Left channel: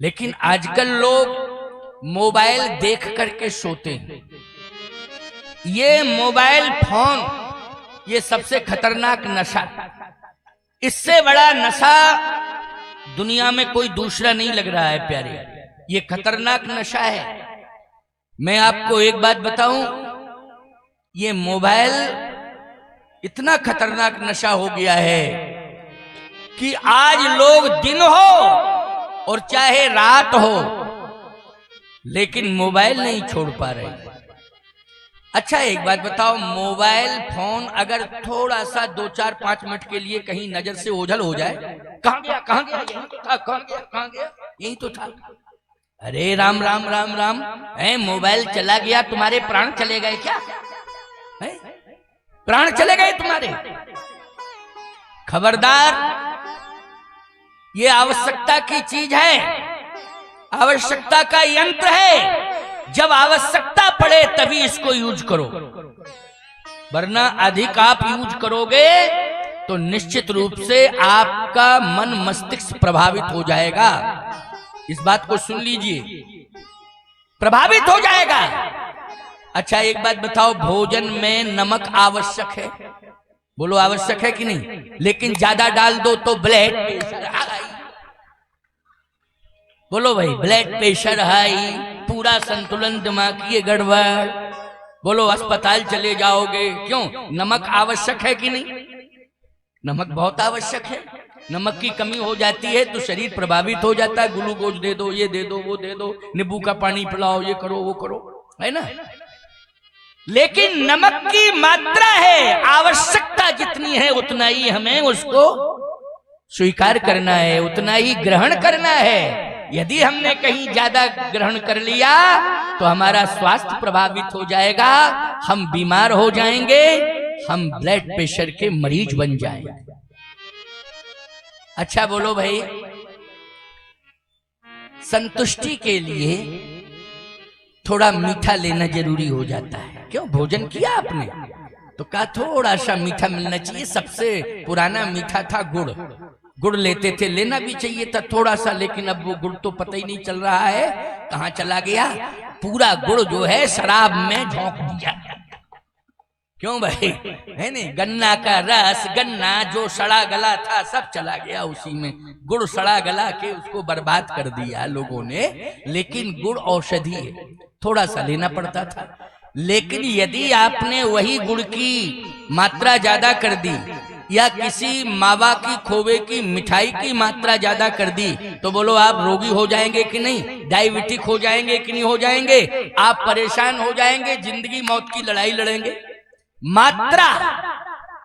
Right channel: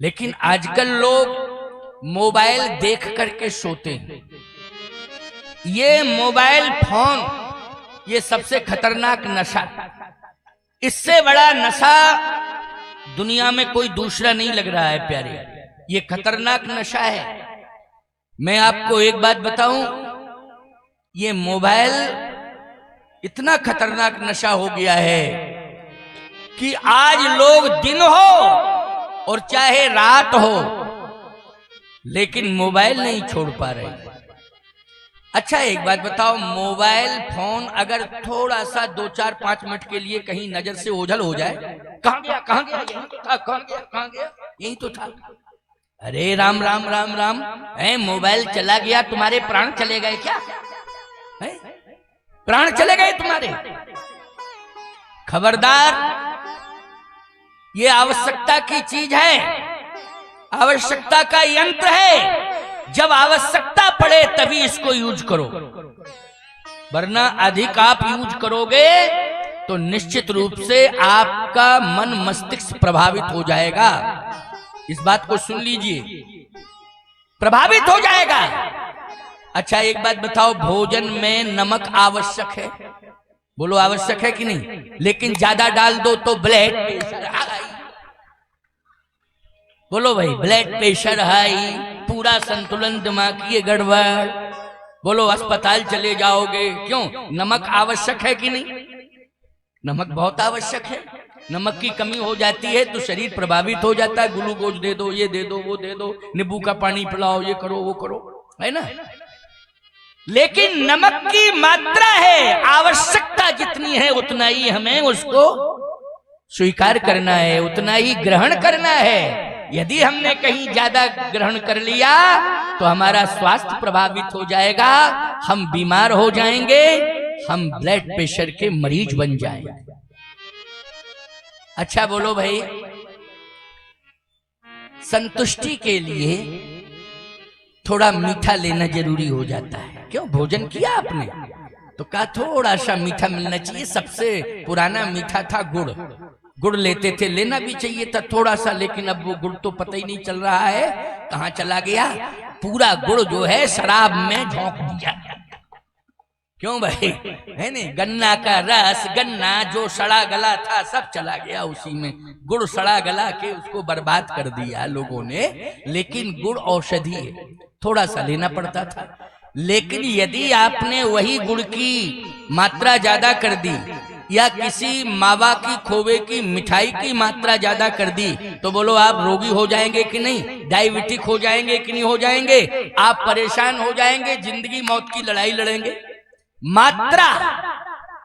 लेकिन आजकल लोग मोबाइल देख करके सोते हैं। ये मोबाइल फोन ये सबसे खतरनाक नशा, इससे बड़ा नशा दुनिया में कोई दूसरा नहीं लग रहा है प्यारे। ये खतरनाक नशा है। मैं आपको एक बात बताऊं, ये मोबाइल इतना खतरनाक नशा हो गया है कि आज लोग दिन हो और चाहे रात हो, लेकिन मोबाइल नहीं छोड़ पा रहे। अच्छा एक बात बताओ, मोबाइल फोन अगर थोड़ा सा 2-4-5 मिनट के लिए कहीं नजर से ओझल हो जाए, कहां गया कहां गया, यही तो था, कहां गया कहां गया, यही तो था। अरे राम राम राम राम, मोबाइल चला गया, तुम्हारे प्राण चले गए क्या? प्राण चले गए तुम्हारे? खबरदार, ये आवश्यकता की चीज है, आवश्यकता का यंत्र है। जब आवश्यकता पड़े तभी इसको यूज करो, वरना अधिक आप यूज करोगे तो निश्चित रूप से आपका मन मस्तिष्क प्रभावित हो जाएगा। इस बात को सुन लीजिए, प्रभावित हो जाएगा। अच्छा एक बात बताओ, भोजन में नमक आवश्यक है? बोलो आवश्यक है कि नहीं? लेकिन ज्यादा डाल दो तो ब्लड प्रेशर हाई। बोलो भाई, ब्लड प्रेशर हाई, पूरा संतुलन दिमाग की गड़बड़। बोलो अस्पताल चले जाओगे। क्यों? नमक आवश्यक है कि नहीं? नमक बहुत आवश्यक है। नमक की कमी हो जाती है तो शरीर प्रभावित हो जाता है। ग्लूकोज दे दो, ये दे दो, वो दे दो, नींबू का पानी पिलाओ, ये करो वो करो, है ना। लेकिन नमक की मात्रा है, आवश्यकता जितनी है उतना ही हमें उसको स्वीकार करना है, उतना ही ग्रहण करना है। यदि हमने कहीं ज्यादा ग्रहण कर लिया तो हमारा स्वास्थ्य प्रभावित हो जाएगा, हम बीमार हो जाएंगे, हम ब्लड प्रेशर के मरीज बन जाएंगे। अच्छा बोलो भाई, संतुष्टि के लिए थोड़ा मीठा लेना जरूरी हो जाता है। क्यों? भोजन किया आपने तो कहा थोड़ा सा मीठा मिलना चाहिए। सबसे पुराना मीठा था गुड़, गुड़ लेते थे, लेना भी चाहिए था थोड़ा सा, लेकिन अब वो गुड़ तो पता ही नहीं चल रहा है कहां चला गया। पूरा गुड़ जो है शराब में झोंक दिया। क्यों भाई? है नहीं, गन्ना का रस, गन्ना जो सड़ा गला था सब चला गया उसी में। गुड़ सड़ा गला के उसको बर्बाद कर दिया लोगों ने। लेकिन गुड़ औषधि है, थोड़ा सा लेना पड़ता था। लेकिन यदि आपने वही गुड़ की मात्रा ज्यादा कर दी या किसी मावा की खोवे की मिठाई की मात्रा ज्यादा कर दी तो बोलो आप रोगी हो जाएंगे कि नहीं? डायबिटिक हो जाएंगे कि नहीं हो जाएंगे? आप परेशान हो जाएंगे, जिंदगी मौत की लड़ाई लड़ेंगे। मात्रा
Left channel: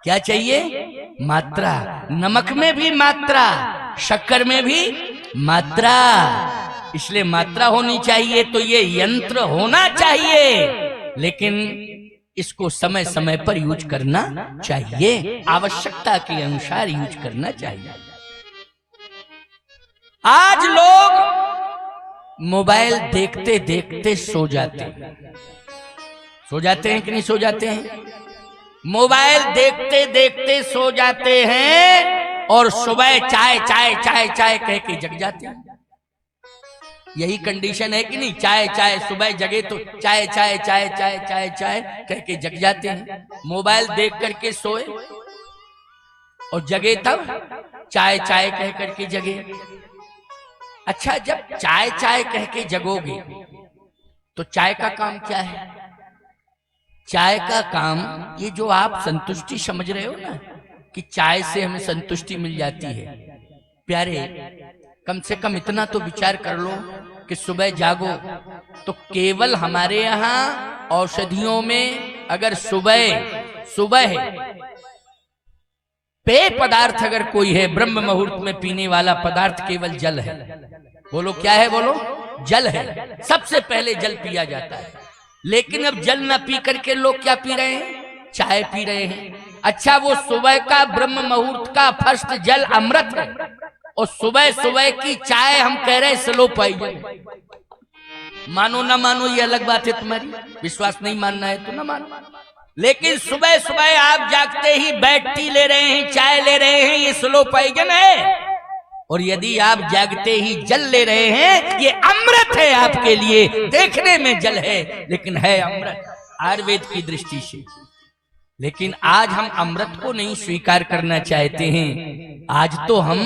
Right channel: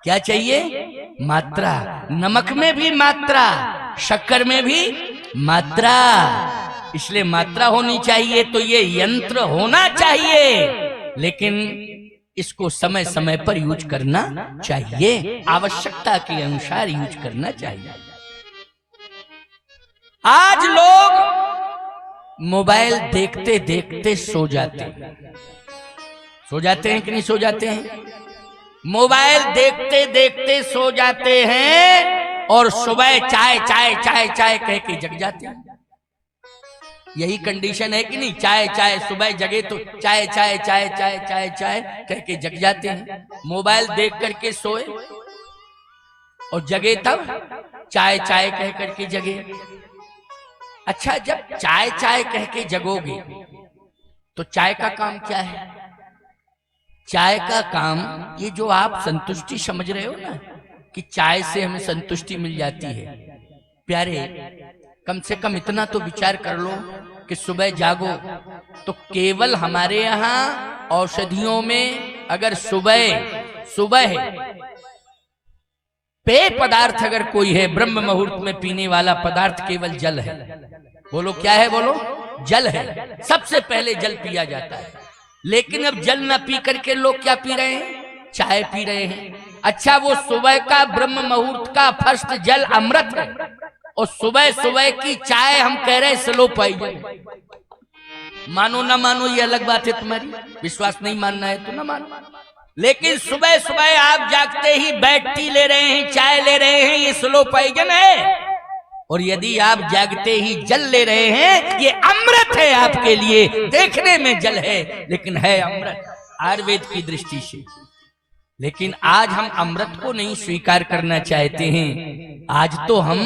क्या चाहिए? मात्रा। नमक में भी मात्रा, शक्कर में भी मात्रा, इसलिए मात्रा होनी चाहिए। तो ये यंत्र होना चाहिए, लेकिन इसको समय समय पर यूज करना चाहिए, आवश्यकता के अनुसार यूज करना चाहिए। आज लोग मोबाइल देखते देखते सो जाते हैं। सो जाते हैं कि नहीं सो जाते हैं? मोबाइल देखते देखते सो जाते हैं और सुबह चाय चाय चाय चाय कह के जग जाते हैं। यही कंडीशन है कि नहीं? चाय चाय, सुबह जगे तो चाय चाय चाय चाय चाय चाय कह के जग जाते हैं। मोबाइल देख करके सोए और जगे तब चाय चाय कह करके जगे। अच्छा, जब चाय चाय कह के जगोगे तो चाय का काम क्या है? चाय का काम ये जो आप संतुष्टि समझ रहे हो ना कि चाय से हमें संतुष्टि मिल जाती है, प्यारे कम से कम इतना तो विचार कर लो कि सुबह जागो तो केवल हमारे यहाँ औषधियों में अगर सुबह पेय पदार्थ अगर कोई है, ब्रह्म मुहूर्त में पीने वाला पदार्थ केवल जल है। बोलो क्या है? बोलो जल है। सबसे पहले जल पिया जाता है। लेकिन अब जल ना पी करके लोग क्या पी रहे हैं? चाय पी रहे हैं। अच्छा, वो सुबह का ब्रह्म मुहूर्त का फर्स्ट जल अमृत है और सुबह सुबह की चाय हम कह रहे हैं स्लो पॉइजन। मानो ना मानो ये अलग बात है, तुम्हारी विश्वास नहीं मानना है तो ना मानो। लेकिन सुबह सुबह आप जागते ही बेड टी ले रहे हैं, चाय ले रहे हैं, ये स्लो पॉइजन है। और यदि आप जागते ही जल ले रहे हैं, ये अमृत है आपके लिए, देखने में जल है लेकिन है अमृत आयुर्वेद की दृष्टि से। लेकिन आज हम अमृत को नहीं स्वीकार करना चाहते हैं। आज तो हम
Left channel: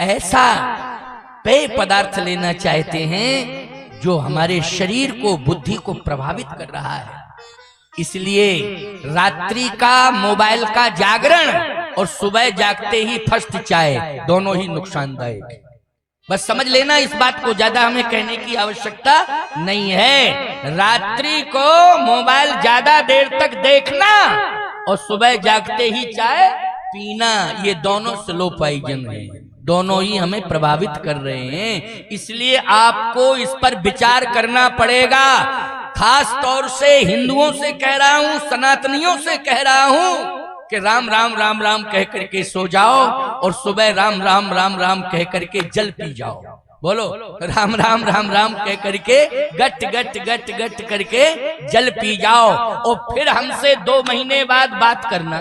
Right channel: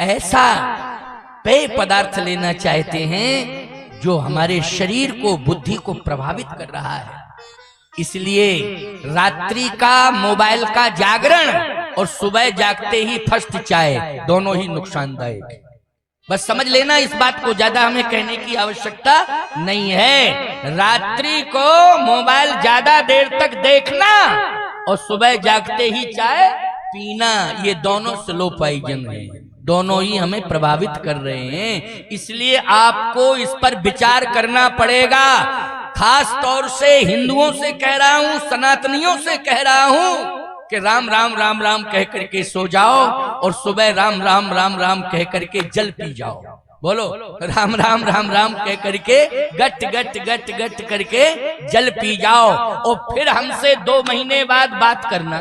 ऐसा पेय पदार्थ लेना चाहते हैं जो हमारे शरीर को, बुद्धि को प्रभावित कर रहा है। इसलिए रात्रि का मोबाइल का जागरण और सुबह जागते ही फर्स्ट चाय, दोनों ही नुकसानदायक। बस समझ लेना इस बात को, ज्यादा हमें कहने की आवश्यकता नहीं है। रात्रि को मोबाइल ज्यादा देर तक देखना और सुबह जागते ही चाय पीना, ये दोनों स्लो पॉइजन है, दोनों ही हमें प्रभावित कर रहे हैं। इसलिए आपको इस पर विचार करना पड़ेगा। खास तौर से हिंदुओं से कह रहा हूं, सनातनियों से कह रहा हूं कि राम राम राम राम कह करके सो जाओ और सुबह राम राम राम राम कह करके जल पी जाओ। बोलो राम राम राम राम कह करके गट गट गट गट करके जल पी जाओ। और फिर हमसे 2 महीने बाद बात करना,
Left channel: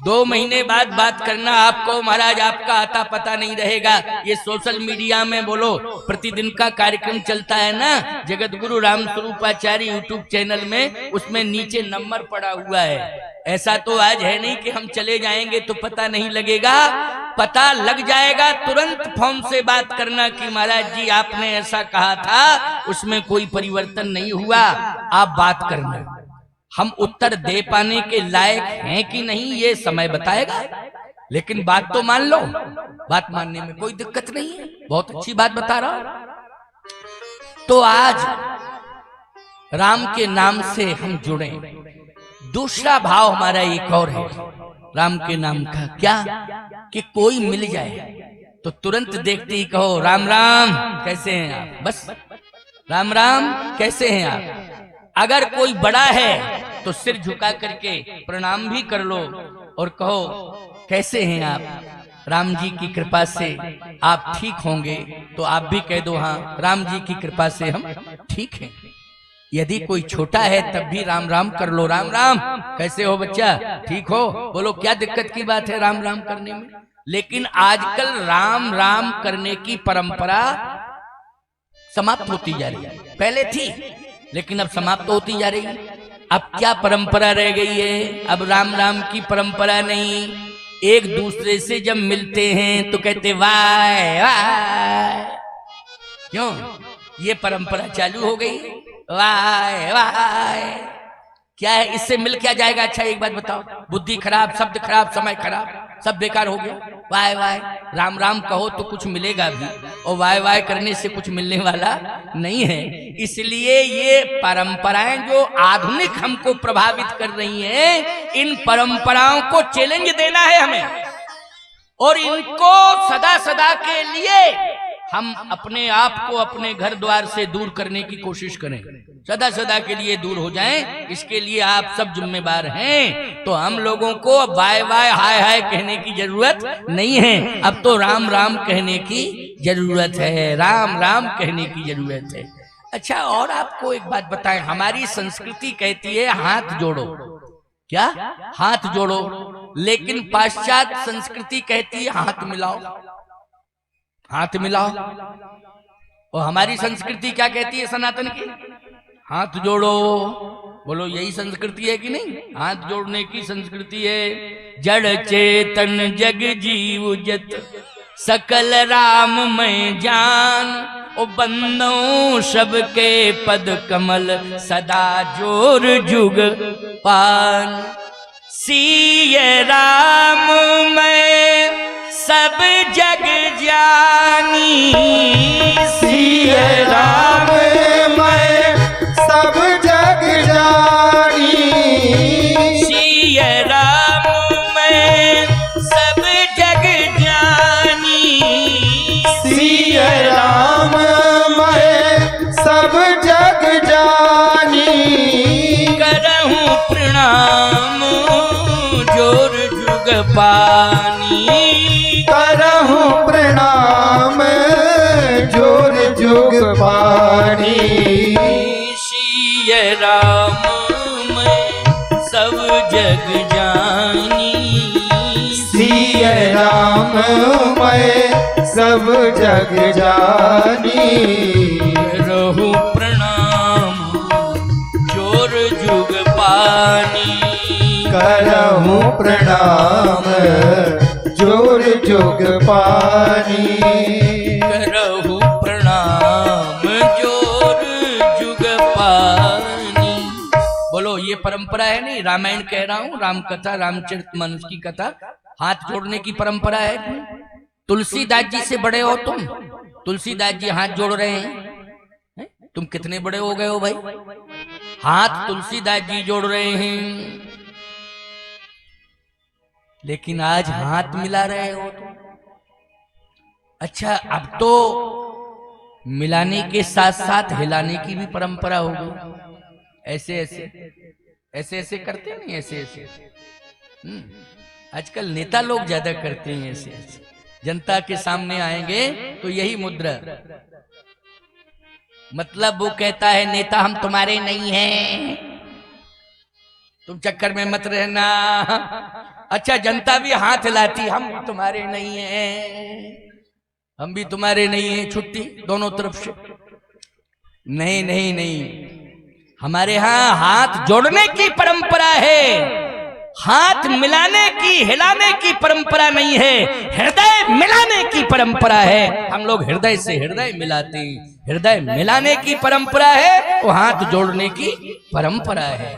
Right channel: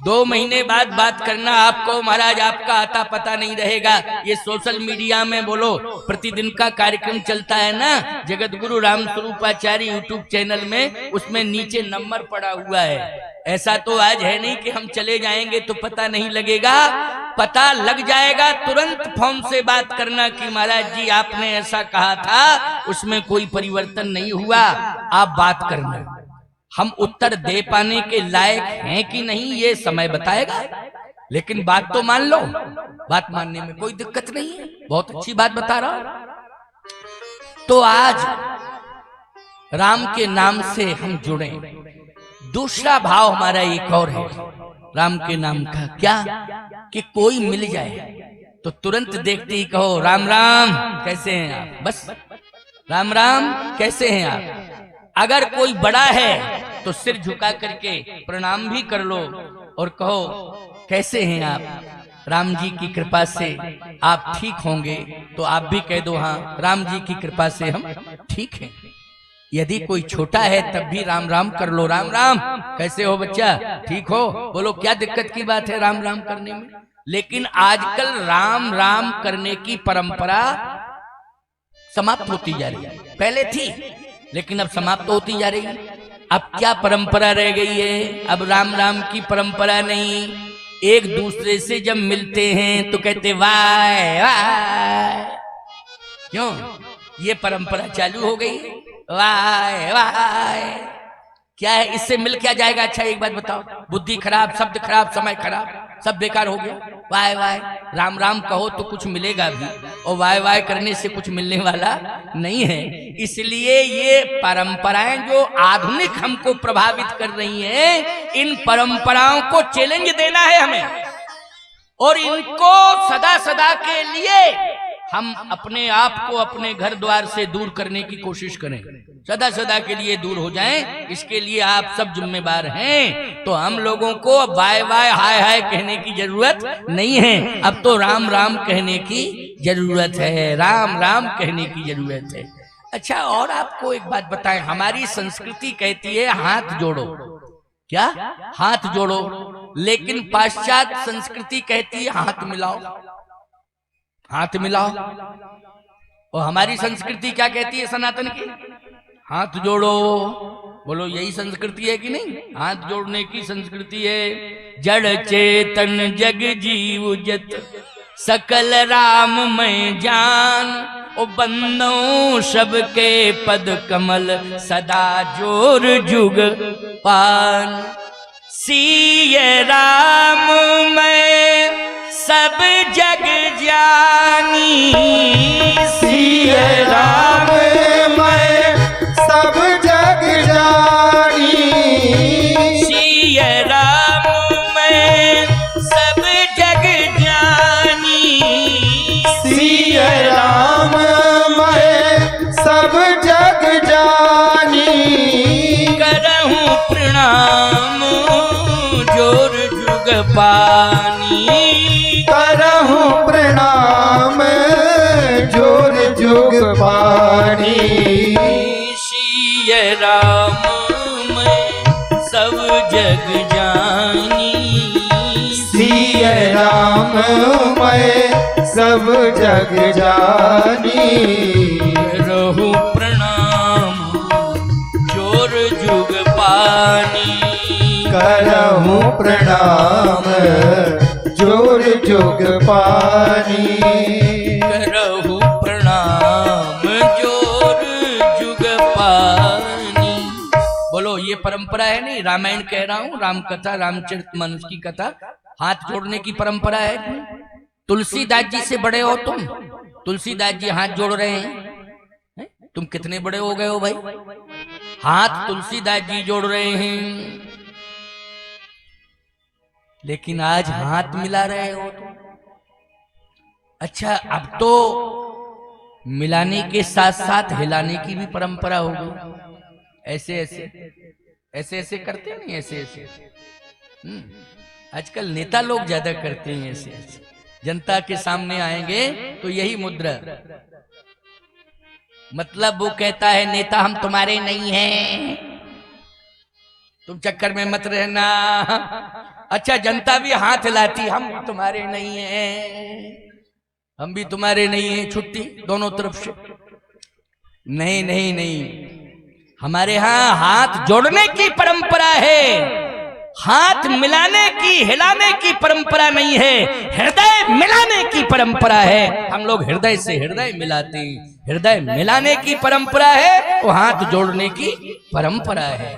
2 महीने बाद बात करना। आपको महाराज आपका आता पता नहीं रहेगा। ये सोशल मीडिया में बोलो प्रतिदिन का कार्यक्रम चलता है ना, जगत गुरु राम स्वरूपाचार्य यूट्यूब चैनल में, उसमें नीचे नंबर पड़ा हुआ है। ऐसा तो आज है नहीं कि हम चले जाएंगे तो पता नहीं लगेगा, पता लग जाएगा। तुरंत फोन से बात करना कि महाराज जी आपने ऐसा कहा था, उसमें कोई परिवर्तन नहीं हुआ, आप बात करना। हम उत्तर दे पाने के लायक हैं कि नहीं ये समय बताएगा, लेकिन बात तो मान लो। बात मानने में कोई दिक्कत नहीं है, बहुत अच्छी बात बता रहा हूं। तो आज राम के नाम से हम जुड़े। दूसरा भाव हमारा एक और है राम के नाम का, क्या कि कोई मिल जाए तो तुरंत देखते ही कहो राम राम कैसे हैं आप, बस राम राम कैसे हैं आप। अगर कोई बड़ा है तो सिर झुका करके प्रणाम भी कर लो और कहो कैसे हैं आप, राम जी की कृपा से आप ठीक होंगे। तो आप भी कह दो हाँ राम जी की कृपा से हम ठीक हैं। यदि कोई छोटा है तब भी राम राम कर लो, राम राम कैसे हो बच्चा, ठीक हो, बोलो क्या दिक्कत की बात है राम राम करने में। लेकिन आजकल राम राम करने की परंपरा समाप्त होती जा रही है। पहले थी लेकिन अब समाप्त होती जा रही है। अब क्या परंपरा रह गई है, अब राम राम की परंपरा नहीं। एक दूसरे से जब मिलते हैं तो कहते वाह वाह, क्यों ये परंपरा चालू हो गई, वाह वाह। क्या है इससे मिल क्या जाएगा। अच्छा एक बात बताओ, बुद्धि खराब, शब्द खराब, समय खराब, सब बेकार हो गया। वाह वाह राम राम कहो तो कुछ मिलेगा भी, और वाह वाह करने से कुछ मिलने वाला नहीं है। इसलिए ये परंपराएं जो आधुनिक हमको प्रभावित कर रही हैं, इन परंपराओं को चैलेंज देना है हमें, और इनको सदा सदा के लिए हम अपने आप को अपने घर द्वार से दूर करने की कोशिश करें, सदा सदा के लिए दूर हो जाएं। इसके लिए आप सब जिम्मेदार हैं। तो हम लोगों को बाय बाय हाय हाय कहने की जरूरत नहीं है, अब तो राम राम कहने की जरूरत है, राम राम कहने की जरूरत है। अच्छा और आपको एक बात बताएं, हमारी संस्कृति कहती है हाथ जोड़ो, क्या हाथ जोड़ो, लेकिन पाश्चात्य संस्कृति कहती है हाथ मिलाओ, हाथ मिलाओ। और हमारी संस्कृति क्या कहती है सनातन की, हाथ जोड़ो। बोलो यही संस्कृति है कि नहीं, हाथ जोड़ने की संस्कृति है। जड़ चेतन जग जीव जत सकल राम मैं जान, ओ बंदों सबके पद कमल सदा जोर जुग पान। सिय राम मैं सब जग जानी, सिय राम मैं सब जग जानी, सिय राम मैं सब जग जानी, सिय राम मैं सब जग जानी। करहूं प्रणाम जोर जुग पानी, करहूं प्रणाम जोर जुग पानी। सिय राम मैं सब जग जानी, सिय राम मैं सब जग जानी। करहु प्रणाम जोर जुग पानी। करहु प्रणाम जोर जुग पानी। करहु प्रणाम जोर जुग पानी। बोलो, ये परंपरा है नहीं, रामायण कह रहा हूं, राम कथा, रामचरितमानस की कथा, हाथ जोड़ने की परंपरा है। तुलसीदास जी से बड़े हो तुम, तुलसीदास जी हाथ जोड़ रहे हैं, तुम कितने बड़े हो गए हो भाई? हाथ तुलसीदास जी जोड़ रहे हैं, लेकिन आज हाथ मिला रहे हो तुम। अच्छा, अब तो मिलाने के साथ साथ हिलाने की भी परंपरा हो गई। ऐसे ऐसे ऐसे ऐसे करते नहीं, ऐसे ऐसे। आजकल नेता लोग ज्यादा करते हैं ऐसे ऐसे। जनता के सामने आएंगे तो यही मुद्रा, मतलब वो कहता है नेता हम तुम्हारे नहीं हैं, तुम चक्कर में मत रहना। अच्छा, जनता भी हाथ हिलाती, हम तुम्हारे नहीं हैं, हम भी तुम्हारे नहीं हैं, छुट्टी दोनों तरफ से। नहीं नहीं नहीं, हमारे यहाँ हाथ जोड़ने की परंपरा है, हाथ मिलाने की, हिलाने की परंपरा नहीं है, हृदय मिलाने की परंपरा है। हम लोग हृदय से हृदय मिलाते हैं, हृदय मिलाने की परंपरा है, वो हाथ जोड़ने की परंपरा है।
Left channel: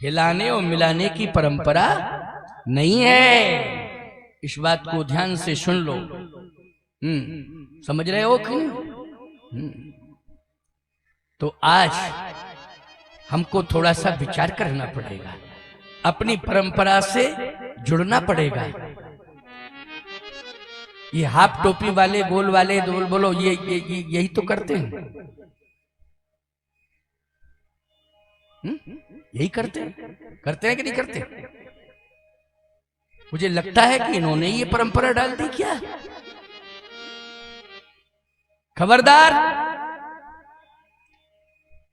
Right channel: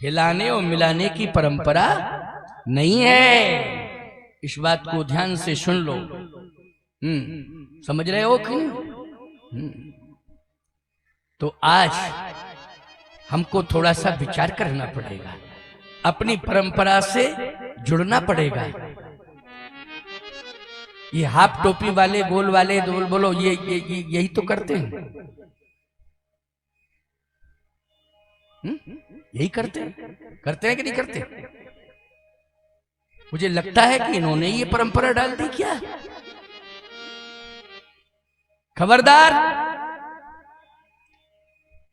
हिलाने और मिलाने की परंपरा नहीं है। इस बात को ध्यान से सुन लो। समझ रहे हो कि? तो आज हमको थोड़ा सा विचार करना पड़ेगा, अपनी परंपरा से जुड़ना पड़ेगा। ये हाफ टोपी वाले, गोल वाले, बोलो ये यही तो करते हैं, यही करते हैं कि नहीं करते? मुझे लगता है कि इन्होंने ये परंपरा डाल दी क्या। खबरदार,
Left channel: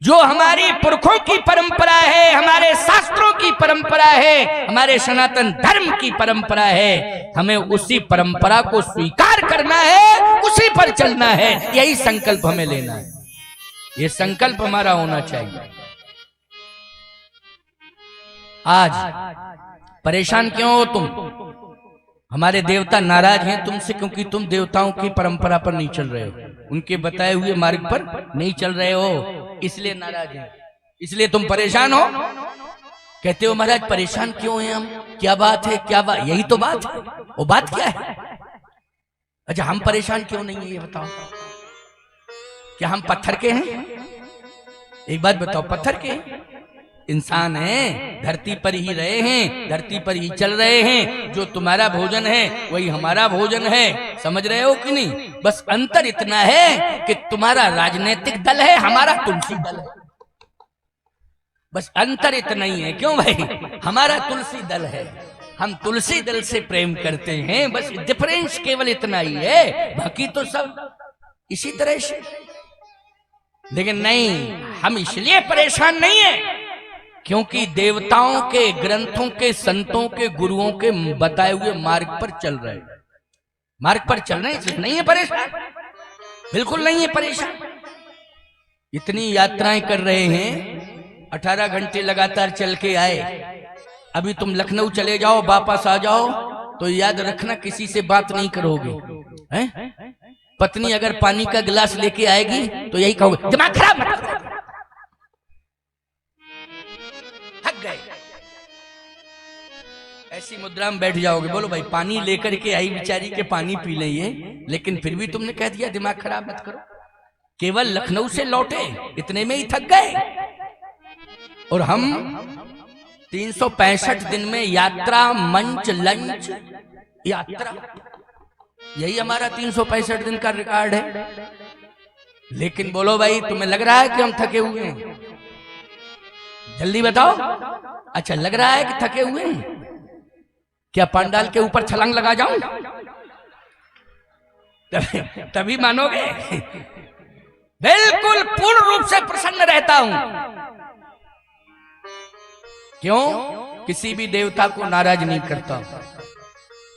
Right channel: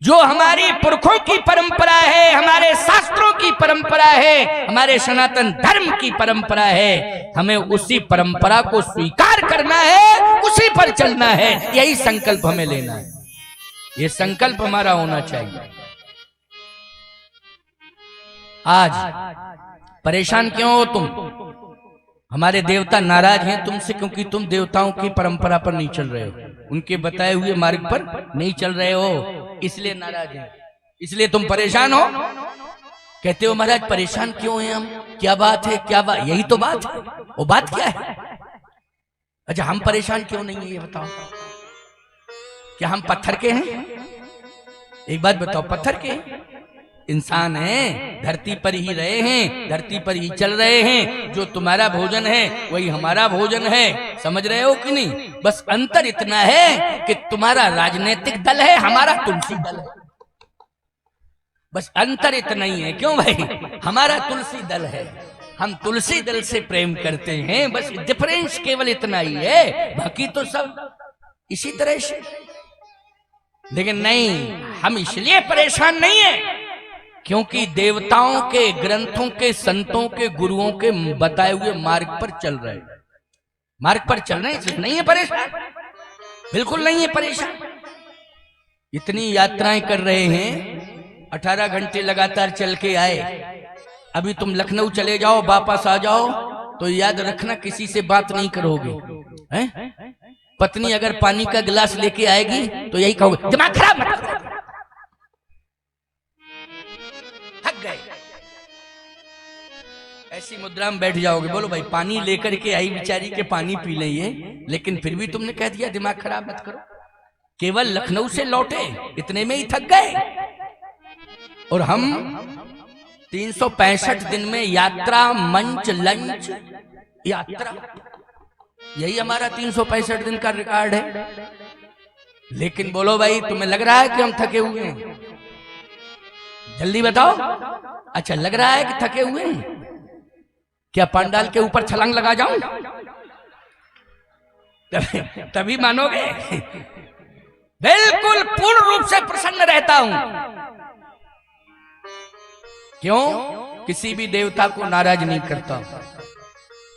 जो हमारी पुरखों की परंपरा है, हमारे शास्त्रों की परंपरा है, हमारे सनातन धर्म की परंपरा है, हमें उसी परंपरा को स्वीकार करना है, उसी पर चलना है। यही संकल्प हमें लेना है, ये संकल्प हमारा होना चाहिए। आज परेशान क्यों हो तुम? हमारे देवता नाराज हैं तुमसे, क्योंकि तुम देवताओं की परंपरा पर नहीं चल रहे हो, उनके बताए हुए मार्ग पर नहीं चल रहे हो, इसलिए नाराज हैं, इसलिए तुम परेशान हो। कहते हो महाराज परेशान क्यों हैं हम, क्या बात है, क्या बात? यही तो बात है। वो बात क्या है? अच्छा, हम परेशान क्यों नहीं है ये बताओ। क्या हम पत्थर के हैं? एक बात बताओ, पत्थर के इंसान हैं, धरती पर ही रहे हैं, धरती पर ही चल रहे हैं। जो तुम्हारा भोजन है वही हमारा भोजन है, समझ रहे हो कि नहीं? बस अंतर इतना है कि तुम्हारा राजनीतिक दल है, हमारा तुलसी दल है, बस अंतर इतना ही है। क्यों भाई? हमारा तुलसी दल है, हम तुलसी दल से प्रेम करते हैं, बस डिफरेंस केवल इतना ही है, बाकी तो सब इसी तरह से। लेकिन नहीं, हम इसलिए परेशान नहीं है क्योंकि देवताओं के, ग्रंथों के, संतों के, गुरुओं के बताए हुए मार्ग पर चल रहे हैं, मार्ग पर चल रहे हैं, इसलिए नहीं है परेशान, बिल्कुल नहीं है परेशान। इतनी यात्राएं कर रहे हैं, 18 घंटे लगातार चल के आए। अभी तुम लखनऊ चले जाओ, वापस आ जाओ तो याद रखना किसी से बात नहीं करोगे, हैं? पत्नी अगर पानी का गिलास लेके आएगी तो यही कहोगे दिमाग खराब मत करो, थक गए, ऐसी मुद्रा में बैठ जाओगे। बोलो भाई, पानी लेकर के आई बेचारी के, पानी पी लेंगे, लेकिन फिर भी तुमने कह दिया दिमाग खराब मत करो। केवल लखनऊ से लौटे, इतने में ही थक गए। और हम 365 दिन में यात्रा, मंच, लंच, यात्रा, यही हमारा 365 दिन का रिकॉर्ड है। लेकिन बोलो भाई, तुम्हें लग रहा है कि हम थके हुए हैं? जल्दी बताओ। अच्छा, लग रहा है कि थके हुए हैं? क्या पंडाल के ऊपर छलांग लगा जाऊं? तभी मानोगे। बिल्कुल पूर्ण रूप से प्रसन्न रहता हूं। क्यों? किसी भी देवता को नाराज नहीं करता।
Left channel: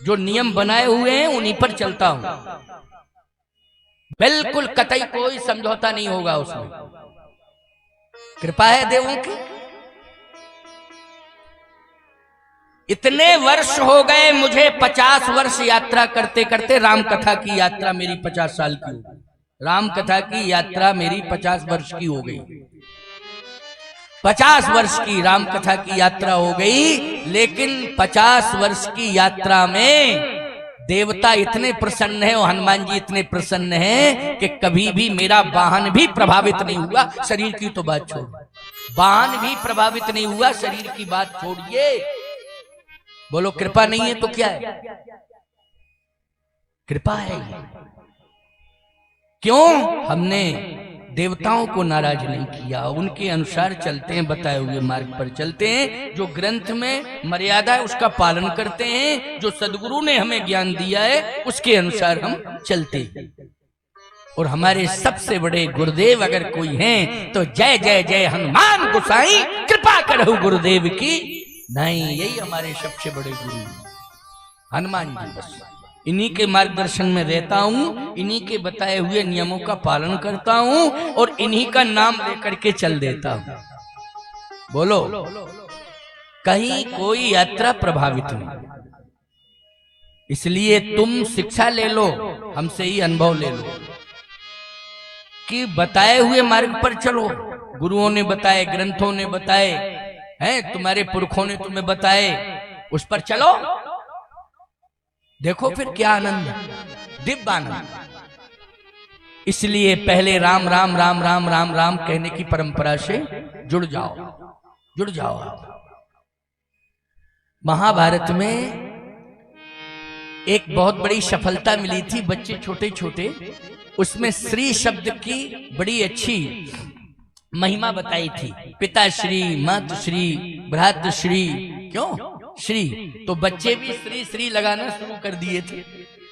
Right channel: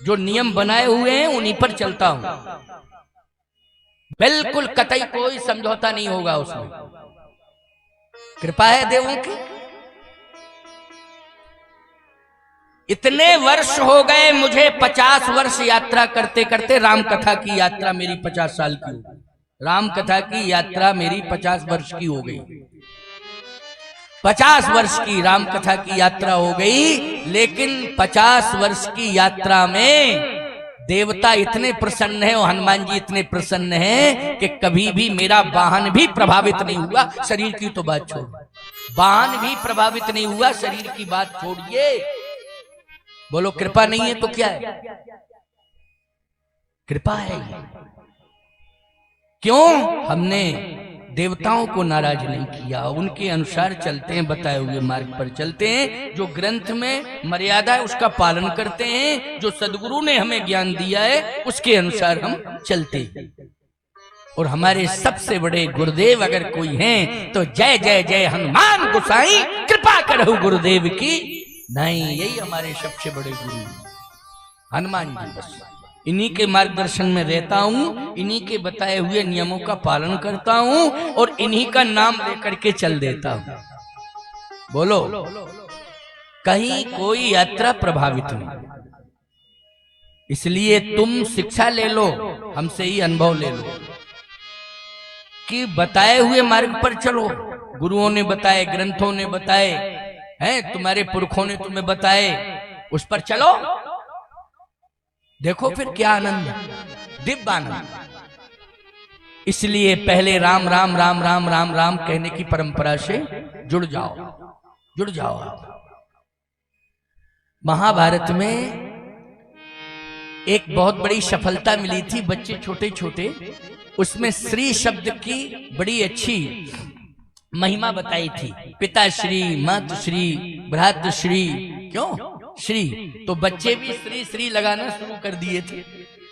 जो नियम बनाए हुए हैं उन्हीं पर चलता हूं। बिल्कुल कतई कोई समझौता नहीं होगा उसमें। कृपा है देवों की। इतने वर्ष हो गए मुझे, 50 वर्ष यात्रा करते करते। राम कथा की यात्रा मेरी 50 साल की हो गई। राम कथा की यात्रा मेरी 50 वर्ष की हो गई। 50 वर्ष की राम कथा की यात्रा हो गई। लेकिन 50 वर्ष की यात्रा में देवता इतने प्रसन्न है और हनुमान जी इतने प्रसन्न हैं कि कभी भी मेरा वाहन भी प्रभावित नहीं हुआ। शरीर की तो बात छोड़, वाहन भी प्रभावित नहीं हुआ, शरीर की बात छोड़िए। बोलो कृपा नहीं है तो क्या है? कृपा है। क्यों? हमने देवताओं को नाराज नहीं किया, उनके अनुसार चलते हैं, बताए हुए मार्ग पर चलते हैं। जो ग्रंथ में मर्यादा है उसका पालन करते हैं, जो सदगुरु ने हमें ज्ञान दिया है उसके अनुसार हम चलते हैं। और हमारे सबसे बड़े गुरुदेव अगर कोई हैं तो जय जय जय हनुमान गोसाई, कृपा करहु गुरुदेव की। नहीं, यही हमारे सबसे बड़े गुरु हनुमान जी। बस इन्हीं के मार्गदर्शन में रहता हूं, इन्हीं के बताए हुए नियमों का पालन करता हूं और इन्हीं का नाम लेकर के चल देता हूं। बोलो, कहीं कोई यात्रा प्रभावित नहीं। इसलिए तुम शिक्षा ले लो, हमसे ही अनुभव ले लो कि बताए हुए मार्ग पर चलो। गुरुओं ने बताए, ग्रंथों ने बताए हैं, तुम्हारे पुरखों ने तुम्हें बताए, उस पर चलो। देखो फिर क्या आनंद है, दिव्य आनंद। इसलिए पहले राम राम राम राम राम राम कहने की परंपरा से जुड़ जाओ, जुड़ जाओ आप। महाभारत में एक बहुत बड़ी सफलता मिली थी, बच्चे छोटे छोटे, उसमें श्री शब्द की बड़ी अच्छी महिमा बताई थी। पिता श्री, मातु श्री, भ्रातृ श्री, क्यों श्री? तो बच्चे भी श्री श्री लगाना शुरू कर दिए थे।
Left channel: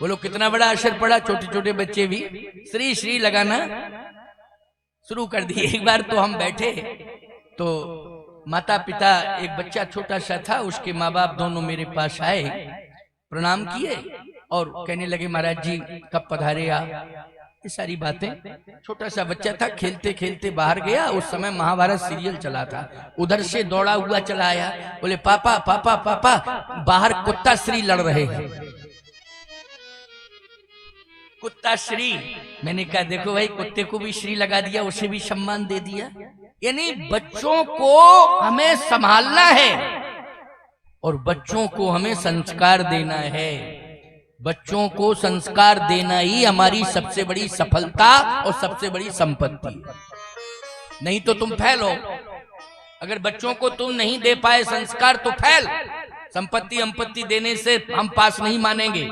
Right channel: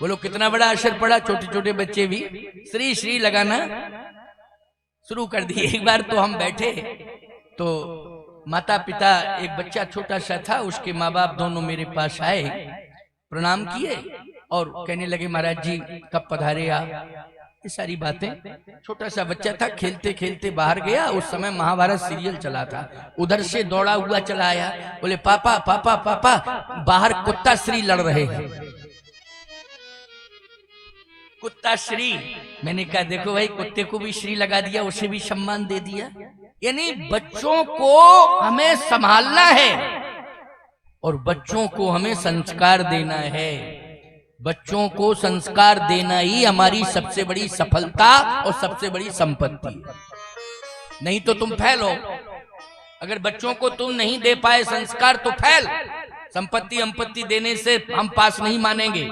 बोलो कितना बड़ा असर पड़ा, छोटे छोटे बच्चे भी श्री श्री लगाना शुरू कर दिए। एक बार तो हम बैठे तो माता पिता, एक बच्चा छोटा सा था, उसके माँ बाप दोनों मेरे पास आए, प्रणाम किए और कहने लगे महाराज जी कब पधारे आप, ये सारी बातें। छोटा सा बच्चा था, खेलते खेलते बाहर गया। उस समय महाभारत सीरियल चला था, उधर से दौड़ा हुआ चला आया, बोले पापा पापा पापा बाहर कुत्ता श्री लड़ रहे हैं। कुत्ता श्री, मैंने कहा देखो भाई, कुत्ते को भी श्री लगा दिया, उसे भी सम्मान दे दिया। यानी बच्चों को हमें संभालना है और बच्चों को हमें संस्कार देना है। बच्चों को संस्कार देना ही हमारी सबसे बड़ी सफलता और सबसे बड़ी संपत्ति। नहीं तो तुम फेल हो। अगर बच्चों को तुम नहीं दे पाए संस्कार तो फेल। संपत्ति अंपत्ति देने से हम पास नहीं मानेंगे,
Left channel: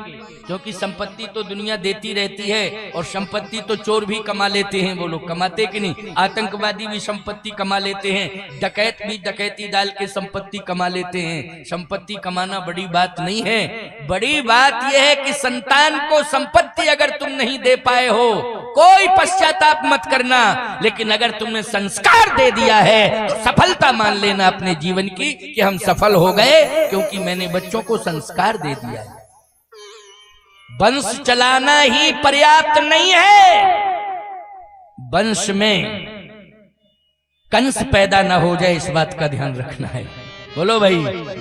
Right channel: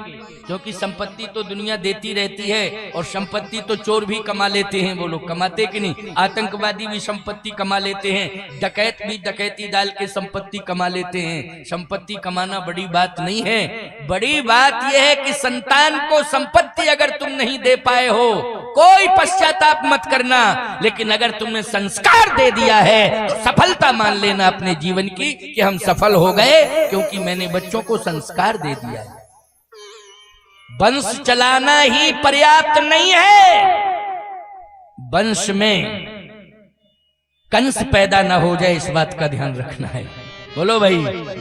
क्योंकि संपत्ति तो दुनिया देती रहती है और संपत्ति तो चोर भी कमा लेते हैं। वो लोग कमाते कि नहीं? आतंकवादी भी संपत्ति कमा लेते हैं, डकैत भी डकैती डाल के संपत्ति कमा लेते हैं। संपत्ति कमाना बड़ी बात नहीं है, बड़ी बात यह है कि संतान को संपत्ति अगर तुम नहीं दे पाए हो, कोई पश्चाताप मत करना, लेकिन अगर तुमने संस्कार दे दिया है तो सफलता मान लेना अपने जीवन की कि हम सफल हो गए, क्योंकि मैंने बच्चों को संस्कार दे दिया है। वंश चलाना ही पर्याप्त नहीं है, वंश में कंस पैदा ना हो जाए, इस बात का ध्यान रखना है। बोलो भाई,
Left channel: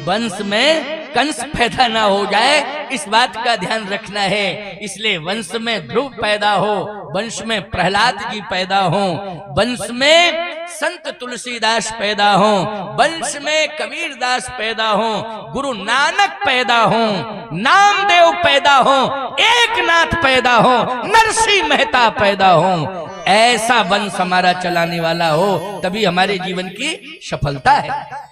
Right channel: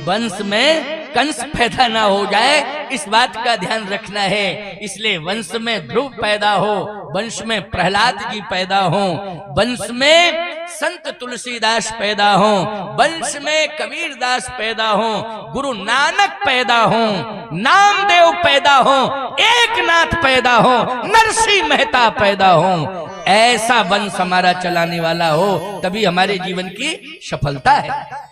वंश में कंस पैदा ना हो जाए, इस बात का ध्यान रखना है। इसलिए वंश में ध्रुव पैदा हो, वंश में प्रहलाद जी पैदा हो, वंश में संत तुलसीदास पैदा हो, वंश में कबीरदास पैदा हो, गुरु नानक पैदा हो, नामदेव पैदा हो, एकनाथ पैदा हो, नरसिंह मेहता पैदा हो। ऐसा वंश हमारा चलाने वाला हो, तभी हमारे जीवन की सफलता है।